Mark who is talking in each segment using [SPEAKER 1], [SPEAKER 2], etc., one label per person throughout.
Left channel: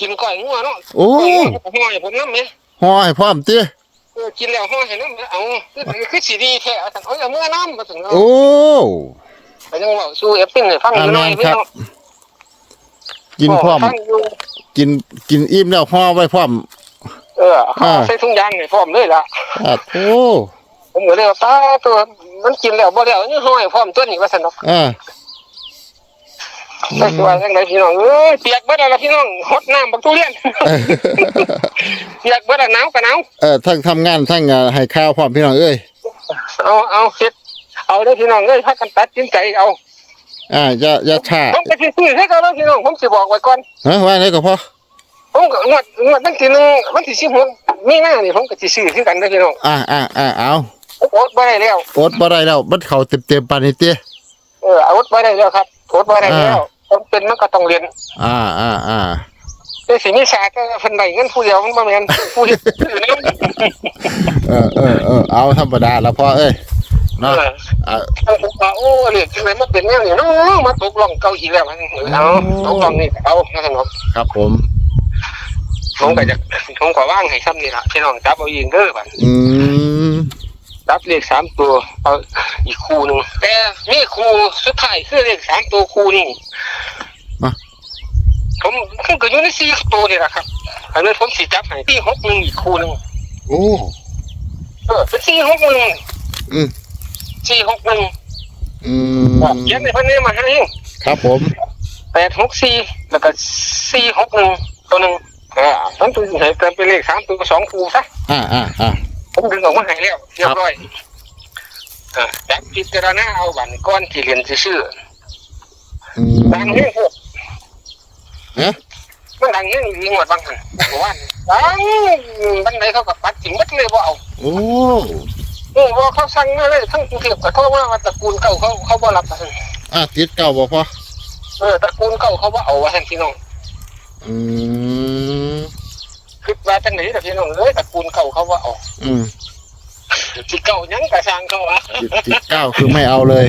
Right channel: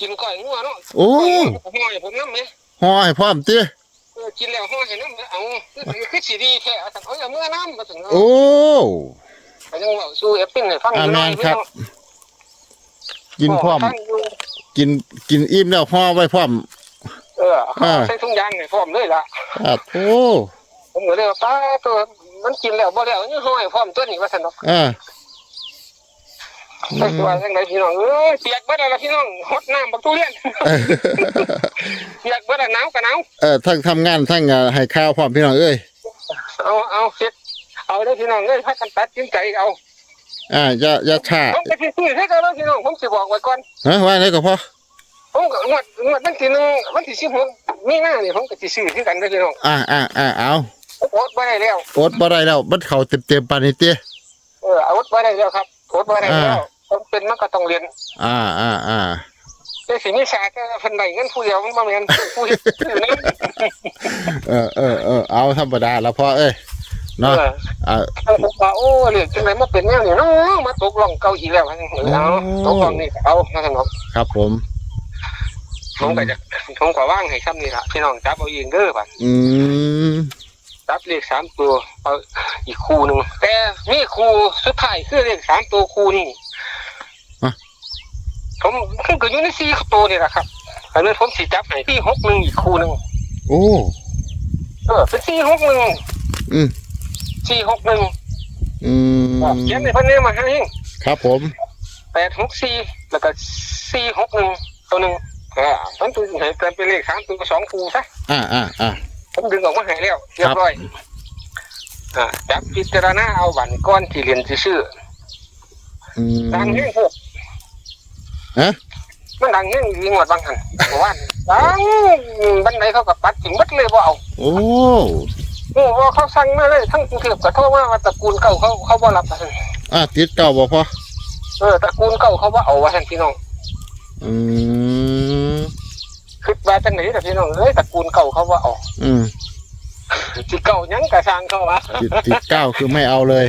[SPEAKER 1] กินก้อยงัวเนาะ
[SPEAKER 2] โอ้
[SPEAKER 1] ห้อยผมน้ำไหม
[SPEAKER 2] ห่อให้พร้อมติ
[SPEAKER 1] เออกินแล้วห้อยให้น้ำไหมเอาคือคือสีดีแท้เอาแต่เอาเมื่อน้ำมาถึง
[SPEAKER 2] โอ้
[SPEAKER 1] ไปยังว่าสู้เอฟซิ่งให้ฟัง
[SPEAKER 2] อ่าแม่นครับ
[SPEAKER 1] พี่
[SPEAKER 2] กินพร้อม
[SPEAKER 1] ฟังยู่
[SPEAKER 2] กินกินอิ่มแล้วห่อไว้พร้อม
[SPEAKER 1] เออ
[SPEAKER 2] อ่า
[SPEAKER 1] ใส่ถุงยางให้พร้อมเลยล่ะ
[SPEAKER 2] อะโอ้
[SPEAKER 1] ผมก็เลยว่าป้าตัวมันกินแล้วบ่แล้วนี่ห้อยพร้อมตัวนี้ว่าซั่นเนาะ
[SPEAKER 2] อ่า
[SPEAKER 1] ใส่ตัวจังไดพี่น้องเอ้ยเปียกเบิดแล้วล่ะพี่น้องฮดน้ำบักทุเรียนเปียกเบิดแล้วหนาวก็หนาว
[SPEAKER 2] เออทั้งทำงานทั้งอ่าให้ข้าวพร้อมพี่น้องเอ้ย
[SPEAKER 1] เอาเอาเฮ็ดเอาเด้อพี่น้องเอ้ยพักกันตัดสินใจเอา
[SPEAKER 2] อ่าอย่าอย่าช้า
[SPEAKER 1] ผมก็สิซื้อให้เขาแล้วพี่น้องผมสิบอกไว้ก่อน
[SPEAKER 2] ฮะว่าไหนก็พอ
[SPEAKER 1] ผมก็งวดงวดวันที่หนึ่งวันที่16มีนานี่ผมก็สิซื้อคือกันเด้อพี่น้อง
[SPEAKER 2] อ่าอ่าอ่าเอา
[SPEAKER 1] โอดบ่ได้แล้ว
[SPEAKER 2] อดบ่ได้แล้วมันเข้าเต็มๆปานนี้ติ
[SPEAKER 1] เออเอาอดบ่ได้แล้วครับอดบ่ได้แล้ว
[SPEAKER 2] อ่า
[SPEAKER 1] ผมเป็นมันก็ต้องเรียน
[SPEAKER 2] อ่าอ่าอ่า
[SPEAKER 1] แต่สิมีศาสตร์ก็เพิ่นได้เงินผู้เดียวมันบ่แม่นผู้เฮ็ดผู้นั้น
[SPEAKER 2] เออเออเออเอาธรรมดาแล้วพอเอ้ยเนาะ
[SPEAKER 1] เออ
[SPEAKER 2] อ่า
[SPEAKER 1] ผมว่าโอ้เรียกจังไดมาเป็นแนวนี้เนาะมาตกล่องเก่าอีกแล้วเอาตกล่องนี่ก็เอามาให้หมด
[SPEAKER 2] ครับผม
[SPEAKER 1] ผมก็จะผมขอว่างให้ซ้ำนี่ล่ะพี่น้องจับเอาเองเด้อบัด
[SPEAKER 2] อืม
[SPEAKER 1] จับเลขสามตัวเอาอีกคู่หนึงแต่มีคู่สุดท้ายคือเลขสามตัวคู่นี่ ผมคือก็อยู่ในสี่ตัวนี่แหละครับอันนี้ผมสิจับให้ที่หกหนึ่งอีกคู่หนึง
[SPEAKER 2] โอ้
[SPEAKER 1] เออเป็นสี่หกหนึ่ง
[SPEAKER 2] อืม
[SPEAKER 1] สี่หกหนึ่ง
[SPEAKER 2] อืม
[SPEAKER 1] เขียนในพันนี้มาให้
[SPEAKER 2] ครับผม
[SPEAKER 1] แปดหกสี่แล้วก็สี่หกหนึ่งตัวหนึ่งอ่าผมถึงให้เป็นเลขสามตัวสองคู่ซะ
[SPEAKER 2] อ่าอ่าอ่า
[SPEAKER 1] ผมดึงออกมาให้แล้วเรียบร้อยอ่าจับพิจารณาเอาวันก้อนที่เรียนชื่อ
[SPEAKER 2] อืม
[SPEAKER 1] ๆดังแห้งพวก
[SPEAKER 2] ฮะ
[SPEAKER 1] มันดังแห้งมีหมดบางหันวันดังบันไดเขากับปัดถิ่งบัดเลยว่าเอา
[SPEAKER 2] โอ้
[SPEAKER 1] โอ้ว่าเขาสั่งมาเลยทั้งกรุงเทพก็โทษว่าว่าตระกูลเก่าเขาเขาบ่รับว่าซั่น
[SPEAKER 2] อ่าติดเก่าบ่พอ
[SPEAKER 1] เออตระกูลเก่าเขาบ่เอาว่าท่นพี่น้อง
[SPEAKER 2] อืม
[SPEAKER 1] คือว่าจังไหนแต่พี่น้องเอ้ยตระกูลเก่าเขาบ่เอา
[SPEAKER 2] อืม
[SPEAKER 1] ที่เก่าหยังกระสร้างเขาวะ
[SPEAKER 2] ติดติดเก้าคือไม่เอาเลย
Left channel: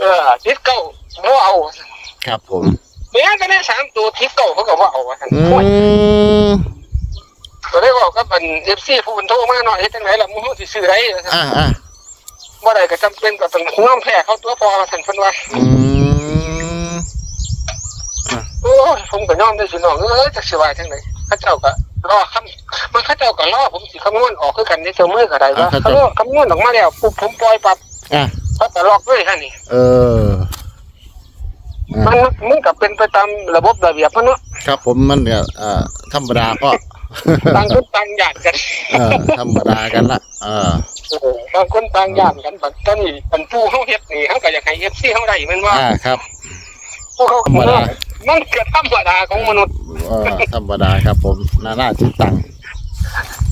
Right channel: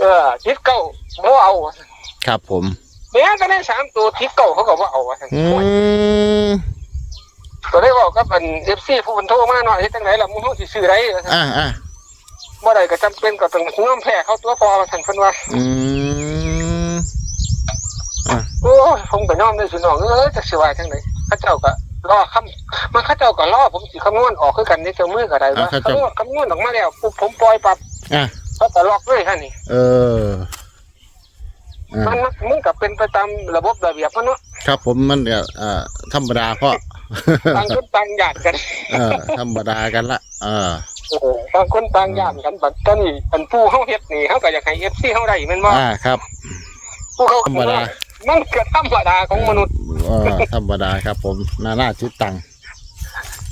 [SPEAKER 1] เออทิศเก่าบ่เอาว่าซั่น
[SPEAKER 2] ครับผม
[SPEAKER 1] แม้ก็ได้สามตัวทิศเก่าเขาก็บ่เอาว่าซั่น
[SPEAKER 2] อืม
[SPEAKER 1] ก็ได้บอกก็เป็นเอฟซีผู้เป็นโทรมาหน่อยเฮ็ดจังไดล่ะมึงเฮาสิซื้อได้ว่าซั่น
[SPEAKER 2] อ่าอ่า
[SPEAKER 1] บ่ได้ก็จำเป็นก็ต้องยอมแพ้เขาตัวพอว่าซั่นเพิ่นว่า
[SPEAKER 2] อืม
[SPEAKER 1] โอ้ผมก็ยอมได้สิน้องเอ้ยจักสิว่าจังไดเขาเจ้าก็รอคำมันเขาเจ้าก็รอผมสิคำนวณออกคือกันในตัวมือก็ได้ว่าเขาคำนวณออกมาแล้วปุ๊บผมปล่อยปั๊บ
[SPEAKER 2] อ่า
[SPEAKER 1] เขาก็ล็อกเลยฮะนี่
[SPEAKER 2] เอออ่า
[SPEAKER 1] มันมันก็เป็นไปตามระบบระเบียบมันเนาะ
[SPEAKER 2] ครับผมมันก็อ่าธรรมดาพ่อ
[SPEAKER 1] ต่างคนต่างญาติกัน
[SPEAKER 2] เออธรรมดากันละเออ
[SPEAKER 1] โอ้โหต่างคนต่างญาติกันแบบตอนนี้อันผู้เฮาเฮ็ดนี่เฮาก็อยากให้ FC เฮาได้แม่นบ่
[SPEAKER 2] อ่าครับ
[SPEAKER 1] ผู้เขา
[SPEAKER 2] ธรรมดา
[SPEAKER 1] มันก็ธรรมดาของมนุษย์
[SPEAKER 2] เออธรรมดาครับผมนาหน้าจิตตัง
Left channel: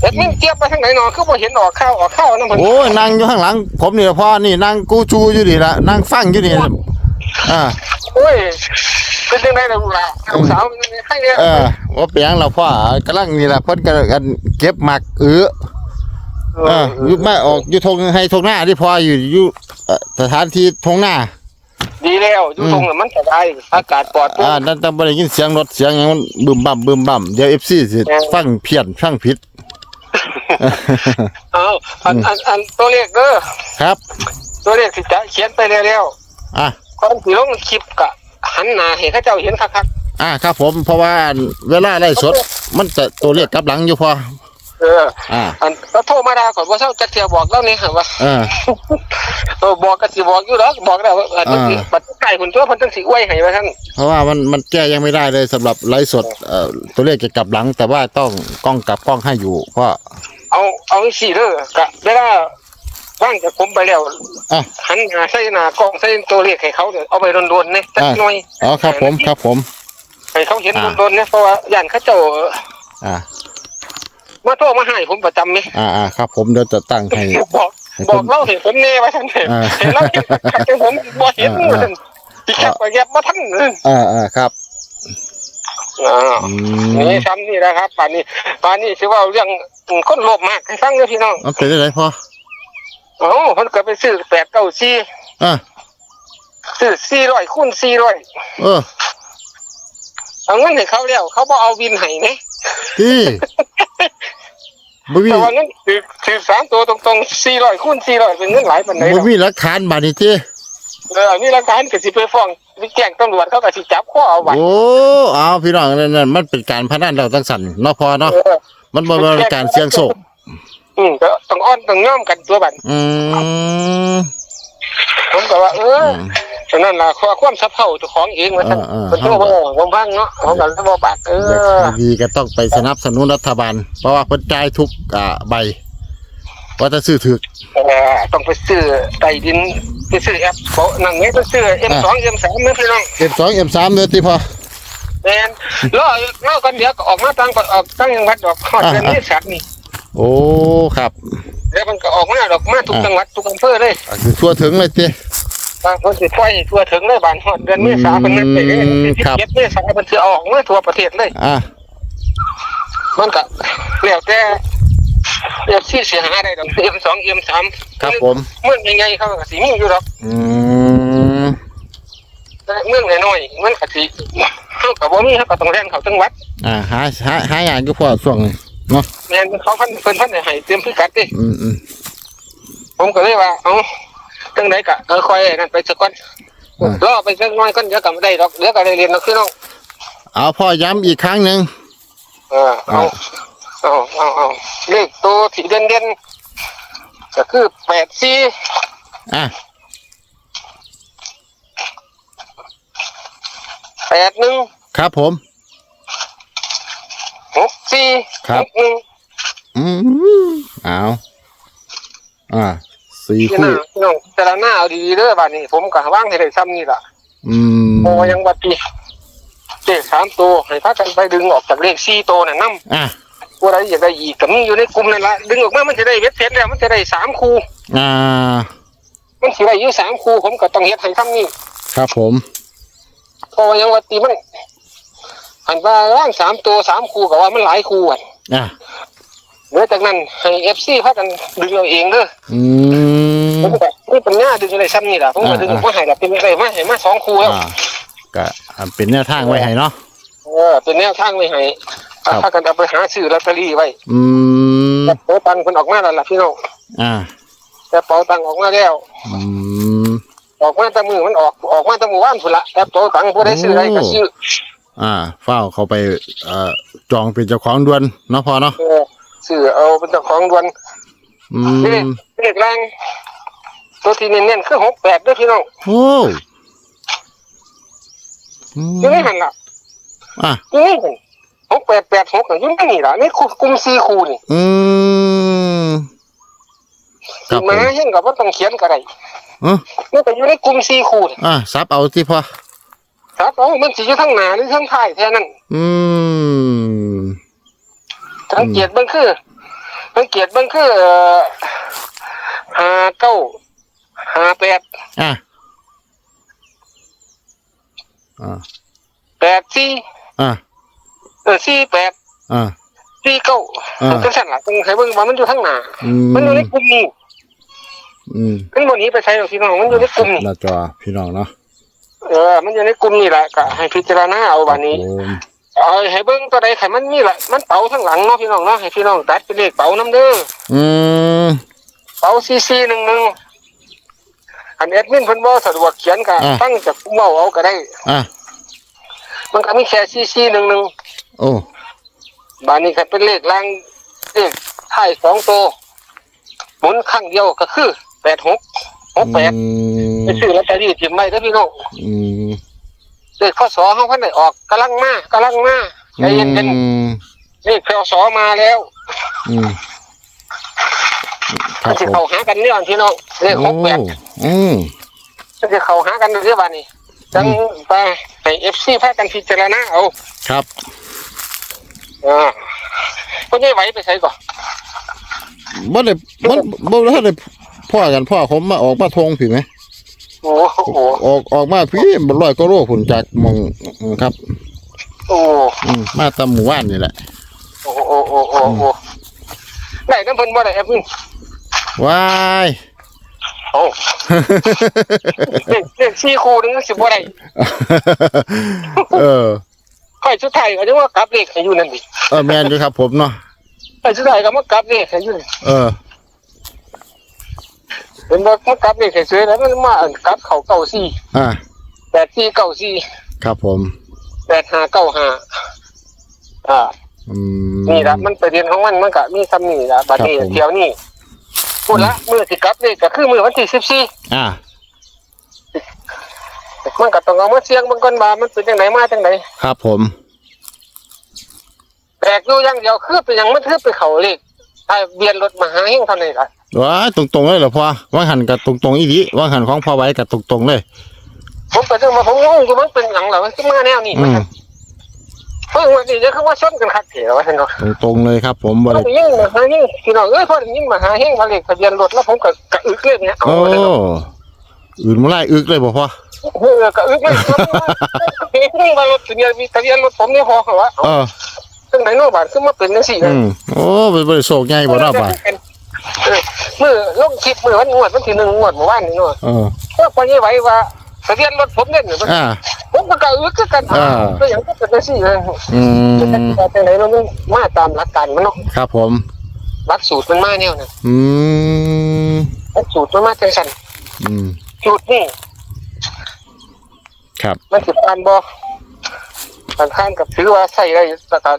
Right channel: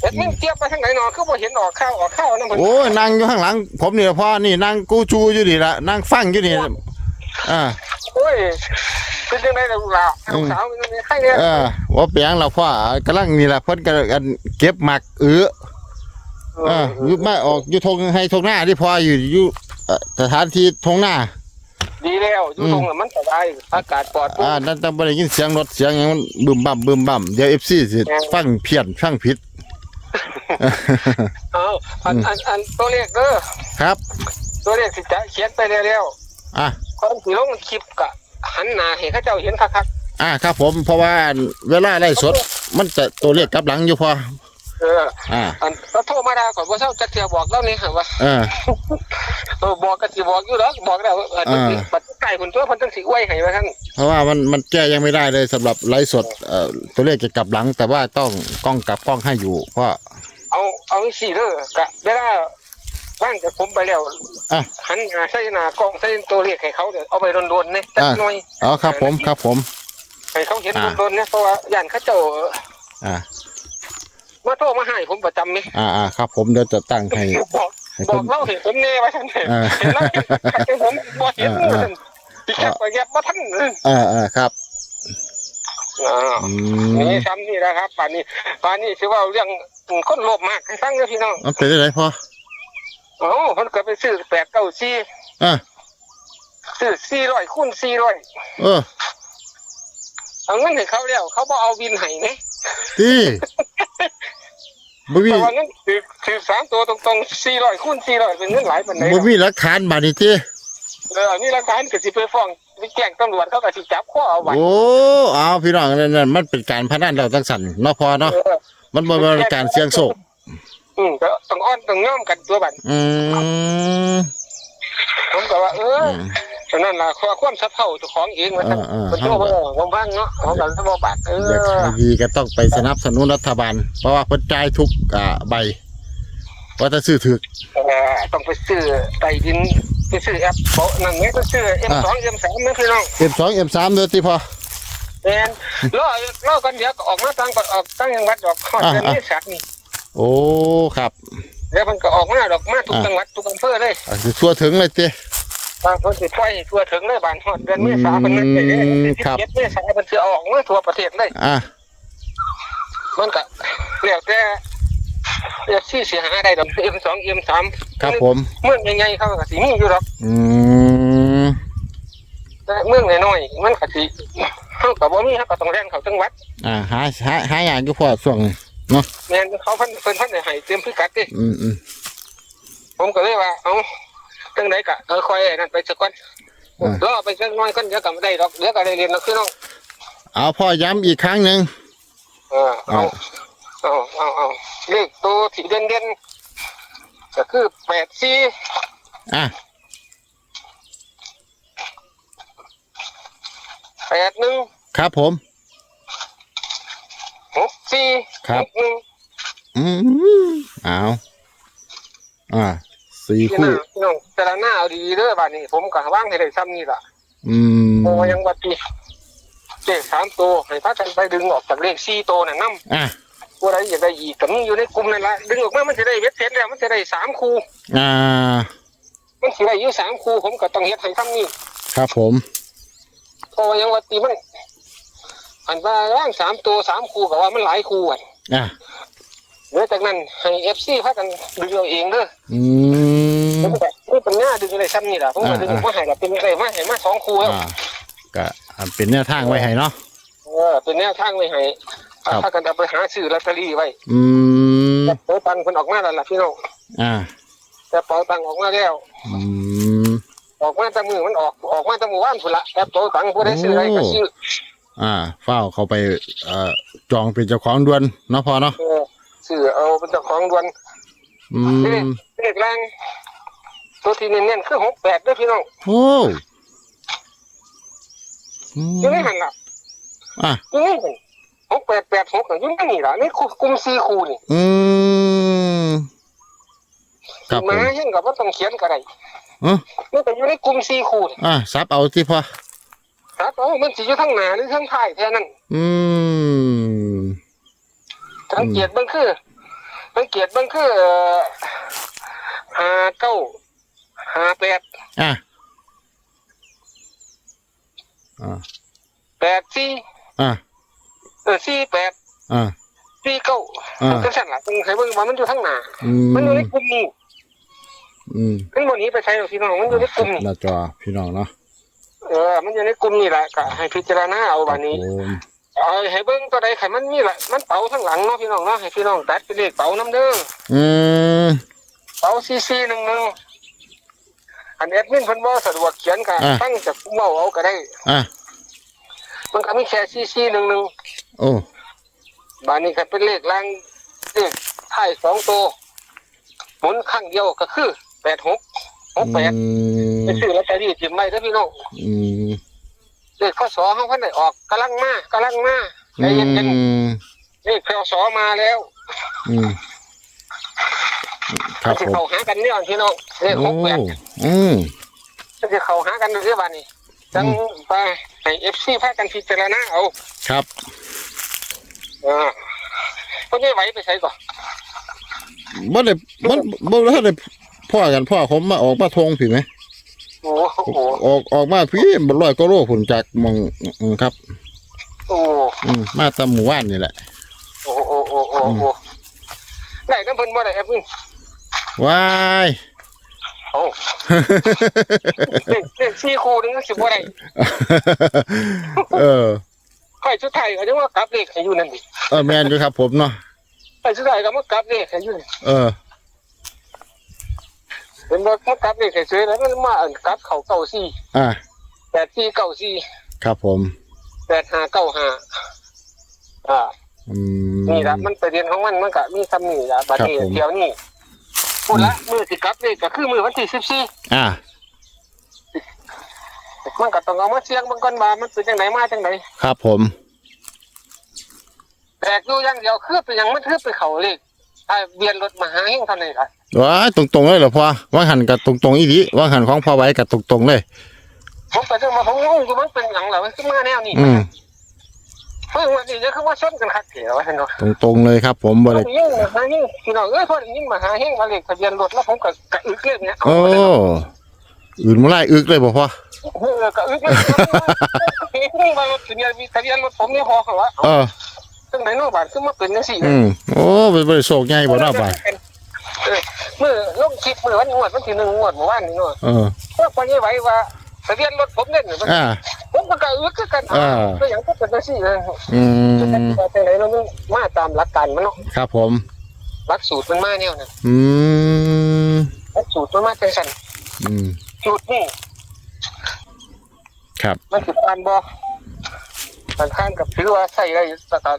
[SPEAKER 1] เฮ็ดมันเทียบไปทางไหนเนาะคือบ่เห็นออกข้าวออกข้าวนำเพิ่น
[SPEAKER 2] โอ้ยนั่งอยู่ข้างหลัง ผมนี่ล่ะพ่อนี่นั่งกูชูอยู่นี่ละนั่งฟังอยู่นี่อ่า
[SPEAKER 1] โอ้ยเป็นจังไดล่ะลูกหล่ะลูกสาวเป็นจังไดให้เนี่ย
[SPEAKER 2] เออว่าเปียงเราพ่อกำลังนี่ละเพิ่นกำลังเก็บหมักเออเอออยู่มาออกอยู่ทงให้ทงหน้าที่พ่ออยู่อยู่เอ่อสถานที่ทงหน้า
[SPEAKER 1] ดีแล้วอยู่ตรงนั้นมันสบายอากาศปลอดโปร่
[SPEAKER 2] อ่างนั่นต้องบ่ได้ยินเสียงรถเสียงหยังมันบึมบั่มบึมบั่มเดี๋ยว FC สิฟังเพี้ยนฟังผิด
[SPEAKER 1] เอาอันอันอันตัวเลขเด้อ
[SPEAKER 2] ครับ
[SPEAKER 1] ตัวเลขสิจะเขียนไปแล้ว
[SPEAKER 2] อะ
[SPEAKER 1] ก่อนสิลงคลิปก็หันหน้าให้เขาเจ้าเห็นคัก
[SPEAKER 2] อะครับผมเพราะว่าเวลาไล่สด มันจะตัวเลขกลับหลังอยู่พอ
[SPEAKER 1] ๆเออ
[SPEAKER 2] อ่า
[SPEAKER 1] อันก็โทรมาด่าก่อนว่าเจ้าจะเที่ยวบอกเล่านี่ว่า
[SPEAKER 2] เออ
[SPEAKER 1] เออบอกก็สิบอกอยู่แล้วบอกแล้วว่าอันนี้
[SPEAKER 2] อ่า
[SPEAKER 1] บัดไก่คนตัวเพิ่นจังสิอวยให้ว่าซั่น
[SPEAKER 2] เพราะว่ามันมันแก้ยังไม่ได้เลยสำหรับไลฟ์สดเอ่อตัวเลขจะกลับหลัง แต่ว่าต้องกล้องกลับกล้องให้อยู่เพราะ
[SPEAKER 1] เอาเอาสิเด้อก็เวลา ว่างจากผมไปแล้ว
[SPEAKER 2] อะ
[SPEAKER 1] หันหน้าใส่หน้ากล้องใส่ตัวเลขให้เขาเด้อเอาไปโดนๆเนี่ยจัก
[SPEAKER 2] อ่า
[SPEAKER 1] หน่อย
[SPEAKER 2] อ๋อครับผมครับผม
[SPEAKER 1] ให้เขาเห็น
[SPEAKER 2] อ่า
[SPEAKER 1] โดนๆเนี่ยเพราะว่าย่านเขาเจ้า
[SPEAKER 2] อ่า
[SPEAKER 1] มาโทรมาให้ผมประจำนี่
[SPEAKER 2] อ่าอ่าครับผมเดี๋ยวจะตั้งให้
[SPEAKER 1] บอก
[SPEAKER 2] ให้
[SPEAKER 1] บ
[SPEAKER 2] ผ
[SPEAKER 1] อก
[SPEAKER 2] ม
[SPEAKER 1] เล่าเห็นผมแน่ว่าซั่นเถอะ
[SPEAKER 2] อ่า
[SPEAKER 1] เห็นแล้วขัดใจผมบ่เห็น
[SPEAKER 2] อ่าอ่า
[SPEAKER 1] ที่แคบไปแยบบ่ทันเลย
[SPEAKER 2] อ่าอ่าครับ
[SPEAKER 1] อ่า
[SPEAKER 2] อื
[SPEAKER 1] นี่
[SPEAKER 2] ม
[SPEAKER 1] ซ้ำนี่นะครับป่านนี้ป่านนี้สิเว่าเรื่องคนโลภมากให้ฟังเด้อพี่น้อง
[SPEAKER 2] มันเป็นอะไรพอ
[SPEAKER 1] โอ้เพิ่นก็ไปซื้อแปดเก้าสี่
[SPEAKER 2] อ่า
[SPEAKER 1] ซื้อสี่ร้อยคูณสี่ร้อย
[SPEAKER 2] เออ
[SPEAKER 1] เอาเงินให้เขาแล้วเขาบ่เอาวินให้นะ
[SPEAKER 2] ที่บ่มี
[SPEAKER 1] แต่ว่าเงินถือถือสามตัวตรงๆสี่ร้อยคูณสี่ร้อยเป็นเงินหลายปานไหน
[SPEAKER 2] บ่มีหลักฐานบาดนี้ติ
[SPEAKER 1] เออนี่หลักฐานก็สิไปฟ้องไปแจ้งตำรวจเขาก็สิจับข้อเอาไว้
[SPEAKER 2] โอ้เอาพี่น้องนั่นนั่นมันเป็นการพนันเราจังสั่นเนาะพอเนาะ
[SPEAKER 1] เออ
[SPEAKER 2] มันบ่เป็นการเสี่ยงโชค
[SPEAKER 1] อืมก็ต้องอ้อนต้องย่อมกันตัวบัด
[SPEAKER 2] อืม
[SPEAKER 1] ผมก็ว่า เออ
[SPEAKER 2] อืม
[SPEAKER 1] ฉะนั้นล่ะข้อความสับเท่าเจ้าของเองว่าซั่น
[SPEAKER 2] เออเออ
[SPEAKER 1] เป็นตัวบ่ผมฟังเนาะผมก็เลยบ่บาดเอ
[SPEAKER 2] อยาก
[SPEAKER 1] อ
[SPEAKER 2] ให้ดีก็ต้องไปสนับสนุนรัฐบาล เพราะว่าเพิ่นจ่ายทุกอ่าใบว่าจะซื้อถึก
[SPEAKER 1] เออต้องไปซื้อใต้ดินไปซื้อแอปโปะนั่นไงต้องซื้อ M2 M3 นะพี่น้อง
[SPEAKER 2] M2 M3 เด้อติพอ
[SPEAKER 1] แม่นรอรอกันเดี๋ยวก็ออกมาตั้งก็ออกตั้งจังหวัดดอกฮอดเดือน
[SPEAKER 2] อ่า
[SPEAKER 1] เมษายนนี่
[SPEAKER 2] โอ้ครับ
[SPEAKER 1] แล้วมันก็ออกมาดอกมาทุก
[SPEAKER 2] อ่า
[SPEAKER 1] จังหวัดทุกอำเภอเลย
[SPEAKER 2] อะสิทั่วถึงเลยติ
[SPEAKER 1] บางคนสิปล่อยทั่วถึงเลยบ้านฮอดเดือนเมษายนเป็นนั่นไปเลย
[SPEAKER 2] อืมครับ
[SPEAKER 1] เก็บเมษายนมันสิออกมาทั่วประเทศเลย
[SPEAKER 2] อะ
[SPEAKER 1] มันก็แล้วแต่เรียกชื่อเสียหายได้ดอก M2 M3
[SPEAKER 2] ครับผม
[SPEAKER 1] เมืองใหญ่ๆเขาก็สิมีอยู่ดอก
[SPEAKER 2] อืม
[SPEAKER 1] แต่เมืองน้อยๆมันก็สิเฮาก็บ่มีเฮาก็ต้องแล่นเข้าจังหวัด
[SPEAKER 2] อ่าหาหาหาอย่างอยู่พอช่วงนี้ เนาะ
[SPEAKER 1] แม่นเขาเพิ่นเพิ่นเพิ่นให้เตรียมพิกัดดิ
[SPEAKER 2] อืมอืม
[SPEAKER 1] ผมก็เลยว่าเอ้าจังไดก็เออคอยนั่นไปสักก่อน
[SPEAKER 2] อ่าร
[SPEAKER 1] อไปสักหน้อยก่อนเดี๋ยวก็ไม่ได้ดอกเดี๋ยวก็ได้เรียนดอกพี่น้อง
[SPEAKER 2] เอาพ่อย้ำอีกครั้งหนึ่ง
[SPEAKER 1] เออเอาเอาเอาเอาเลขตัวที่เด่นเด่นๆก็คือแปดสี่
[SPEAKER 2] อะ
[SPEAKER 1] แปดหนึ่ง
[SPEAKER 2] ครับผม
[SPEAKER 1] หกสี่
[SPEAKER 2] ครับ
[SPEAKER 1] หกหนึ่ง
[SPEAKER 2] อืมเอาอ่าสี่
[SPEAKER 1] พี่
[SPEAKER 2] คู่
[SPEAKER 1] น้องพี่น้องแต่ละหน้าเอาดีๆเด้อบ้านนี้ ผมก็ว่างให้ได้ซ้ำนี่ล่ะ
[SPEAKER 2] อืม
[SPEAKER 1] โอ้ยังวัดปีเลขสามตัวให้พากันไปดึงออกจากเลขสี่ตัวน่ะนำ
[SPEAKER 2] อะ
[SPEAKER 1] ผู้ใดอยากได้อีกก็มีอยู่ในกลุ่มนั่นละดึงออกมามันจะได้เวทเสร็จแล้วมันจะได้สามคู่
[SPEAKER 2] อ่า
[SPEAKER 1] มันสิได้อยู่สามคู่ผมก็ต้องเฮ็ดให้ซ้ำนี่
[SPEAKER 2] ครับผม
[SPEAKER 1] เพราะว่ายังว่าตีมัน อันว่าร่างสามตัวสามคู่ก็ว่ามันหลายคู่อะ
[SPEAKER 2] อะ
[SPEAKER 1] เหลือจากนั้นให้เอฟซีพากันดึงเอาเองเด้อ
[SPEAKER 2] อืม
[SPEAKER 1] ผมก็นี่เป็นหน้าดึงอะไรซ้ำนี่ล่ะผมก็ดึง
[SPEAKER 2] อ่า
[SPEAKER 1] มาให้ละเป็นอะไรมาให้มาสองคู่แล้ว
[SPEAKER 2] อ่าก็อ่าเป็นแนวทางไว้ให้เนาะ
[SPEAKER 1] เออเป็นแนวทางไว้ให้
[SPEAKER 2] ครับ
[SPEAKER 1] พากันเอาไปหาซื้อลอตเตอรี่ไว้
[SPEAKER 2] อืม
[SPEAKER 1] แต่เป๋าตังค์คนออกมาแล้วล่ะพี่น้อง
[SPEAKER 2] อ่า
[SPEAKER 1] แต่เป๋าตังค์ออกมาแล้ว
[SPEAKER 2] อืม
[SPEAKER 1] ออกมาแต่มือมันออกออกมาแต่มือว่านสุดละแต่เป๋าตังค์ผู้ได้ซื้ออะไรก็ซื้อ
[SPEAKER 2] อ่าเฝ้าเขาไปเอ่อจองเป็นเจ้าของด่วนเนาะพอเนาะ
[SPEAKER 1] เออซื้อเอาเป็นเจ้าของดวน
[SPEAKER 2] อืม
[SPEAKER 1] เลขแรงตัวที่เน้นๆคือหกแปดด้วยพี่น้อง
[SPEAKER 2] โอ้อืม
[SPEAKER 1] อยู่ในหันล่ะ
[SPEAKER 2] อะ
[SPEAKER 1] อยู่ในหันหกแปดแปดหกอยู่ในนี่ล่ะนี่คู่กลุ่มสี่คู่นี่
[SPEAKER 2] อืมครับผ
[SPEAKER 1] มามเห็นกับว่าต้องเขียนก็ได้
[SPEAKER 2] เอ้อ
[SPEAKER 1] นี่ก็อยู่ในกลุ่มสี่คู่นี่
[SPEAKER 2] อะซับเอาที่พอ
[SPEAKER 1] ครับเอามันสิอยู่ทั้งหน้าหรือทั้งท้ายแค่นั้น
[SPEAKER 2] อืม
[SPEAKER 1] สังเกตเบิ่งคือสังเกตเบิ่งคือเอ่อห้าเก้าห้าแปด
[SPEAKER 2] อะอ่า
[SPEAKER 1] แปดสี่
[SPEAKER 2] อะ
[SPEAKER 1] เออสี่แปด
[SPEAKER 2] อะ
[SPEAKER 1] สี่เก้า
[SPEAKER 2] อ่า
[SPEAKER 1] จังซั่นล่ะต้องให้เบิ่งว่ามันอยู่ทั้งหน้า
[SPEAKER 2] อื
[SPEAKER 1] มันอยู่ใน
[SPEAKER 2] ม
[SPEAKER 1] กลุ่มนี้
[SPEAKER 2] อืม
[SPEAKER 1] มันบ่หนีไปใช้หรอกพี่น้องมันอยู่ในกลุ่มนี้
[SPEAKER 2] หน้าจอพี่น้องเนาะ
[SPEAKER 1] เออ มันอยู่ในกลุ่มนี่แหละก็ให้พิจารณาเอาวันนี้
[SPEAKER 2] ครับผม
[SPEAKER 1] เอาให้เบิ้งตัวใดไขมันมีละมันเป๋าทั้งหลังเนาะพี่น้องเนาะให้พี่น้องตัดเป็นเลขเป๋าน้ำเด้อ
[SPEAKER 2] อืม
[SPEAKER 1] เป๋าซีซีหนึ่งหนึ่งอันแอดมินเพิ่นบ่สะดวกเขียนก็
[SPEAKER 2] อะ
[SPEAKER 1] ตั้งจากผู้เมาเอาก็ได้
[SPEAKER 2] อะ
[SPEAKER 1] มันก็มีแค่ซีซีหนึ่งหนึ่ง
[SPEAKER 2] โอ้
[SPEAKER 1] บานนี้ก็เป็นเลขล่างเลขท้ายสองตัวหมุนข้างเดียวก็คือแปดหก หกแปด
[SPEAKER 2] อืม
[SPEAKER 1] ไปซื้อลอตเตอรี่ถิ่มไว้เด้อพี่น้อง
[SPEAKER 2] อืม
[SPEAKER 1] เลขข้อสอเฮาเพิ่นได้ออกกำลังมากำลังมาใจ
[SPEAKER 2] อื
[SPEAKER 1] เย็น
[SPEAKER 2] ม
[SPEAKER 1] ๆเลขข้อสอมาแล้ว
[SPEAKER 2] อืมครับ
[SPEAKER 1] สิ
[SPEAKER 2] ผม
[SPEAKER 1] เข้าหากันเนี่ยพี่น้องเลขหกแปด
[SPEAKER 2] อืม
[SPEAKER 1] มันจะเข้าหากันเรื่อยๆบานี้จังไปให้เอฟซีพากันพิจารณาเอา
[SPEAKER 2] ครับ
[SPEAKER 1] อ่าก็ไม่ไหวไปใส่ก่อน
[SPEAKER 2] บ่ได้บ่บ่ได้ได้ พ่อกันพ่อผมมาออกมาทงผิดไหม
[SPEAKER 1] โอ้โห
[SPEAKER 2] ออกออกมาพี่บ่ร้อยก็โลผลจากหมองอืมครับ
[SPEAKER 1] โอ้
[SPEAKER 2] อืมมาตามหมู่บ้านนี่แหละ
[SPEAKER 1] โอ้โอ้โอ้โอ้โอ้ได้น้ำเพิ่นบ่ได้แอปนี่
[SPEAKER 2] ว้าย
[SPEAKER 1] โอ้เลขเลขสี่คู่นึงสิบ่ได้
[SPEAKER 2] เออ
[SPEAKER 1] เขาไปสุดท้ายก็จะว่ากลับเลขให้อยู่นั่นดิ
[SPEAKER 2] เออแม่นอยู่ครับผมเนาะ
[SPEAKER 1] ไปสุดท้ายก็มากลับเลขให้อยู่นี่
[SPEAKER 2] เออ
[SPEAKER 1] เป็นว่ามากลับเลขให้ซื้อแล้วมันมาอันกลับเขาเก้าสี่
[SPEAKER 2] อ่า
[SPEAKER 1] แปดสี่เก้าสี่
[SPEAKER 2] ครับผม
[SPEAKER 1] แปดห้าเก้าห้าอ่า
[SPEAKER 2] อืม
[SPEAKER 1] นี่ละมันประเด็นของมันมันก็มีคำนี้ละบัดนี้
[SPEAKER 2] ครับผม
[SPEAKER 1] เที่ยวนี้พูดละมือสิกลับเลขก็คือมือวันที่สิบสี่
[SPEAKER 2] อ่า
[SPEAKER 1] มันก็ต้องเอามาเสียงเบางคนมามันเป็นจังไหนมาจังไหน
[SPEAKER 2] ครับผม
[SPEAKER 1] แปลกอยู่อย่างเดียวคือเป็นหยังมันคือไปเขาเลข ไอ้เบียนรถมาหาเฮงเท่านี้ละ
[SPEAKER 2] ว้ายตรงๆเลยเหรอพ่อว่าหันกับตรงๆอีดีว่าหันของพ่อไว้กับตรงๆเลย
[SPEAKER 1] ผมก็ถึงมาผมงงอยู่มันเป็นหยังเหรอมันขึ้นมาแนวนี้
[SPEAKER 2] อืม
[SPEAKER 1] เพิ่งวันนี้จะคือว่าชนกันคักเถวว่าท่านเนาะ
[SPEAKER 2] ตรงๆเลยครับ ผมบ่
[SPEAKER 1] พอ
[SPEAKER 2] ได้
[SPEAKER 1] ได้ยิ่งมาหาเฮงพี่น้องเอ้ยพอได้ยิ่งมาหาเฮงมาเลขทะเบียนรถแล้วผมก็กระอึกเลยเนี่ยเอา
[SPEAKER 2] โอ้
[SPEAKER 1] เลยเนาะ
[SPEAKER 2] อื่นมาไล่อึกเลยบ่พ่อ
[SPEAKER 1] เออกระอึกเลยเฮงมารถทะเบียนทะเบียนรถผมนี่พอเหรอวะ
[SPEAKER 2] เออ
[SPEAKER 1] ซึ่งไหนโน่บาทขึ้นมาเป็นจังสี่
[SPEAKER 2] อืมโอ้เป็นบริโภคใหญ่บ่เนาะบ่า
[SPEAKER 1] เออมือลงคลิปมือวันงวดวันที่หนึ่งงวดเมื่อวานนี่เนาะ
[SPEAKER 2] เออ
[SPEAKER 1] ก็พอนี้ไหวว่าทะเบียนรถผมเนี่ย
[SPEAKER 2] อ่า
[SPEAKER 1] ผมก็กระอึกคือกัน
[SPEAKER 2] อ่า
[SPEAKER 1] ก็อย่างก็เป็นจังสี่เลย
[SPEAKER 2] อืม
[SPEAKER 1] แต่ไหนมันมาตามหลักการมันเนาะ
[SPEAKER 2] ครับผม
[SPEAKER 1] หลักสูตรมันมาแนวนะ
[SPEAKER 2] อืม
[SPEAKER 1] หลักสูตรมันมาจังสัน
[SPEAKER 2] อืม
[SPEAKER 1] สูตรนี่
[SPEAKER 2] ครับ
[SPEAKER 1] มันสิบการบ่การข้านกับถือว่าใส่ได้ตะกา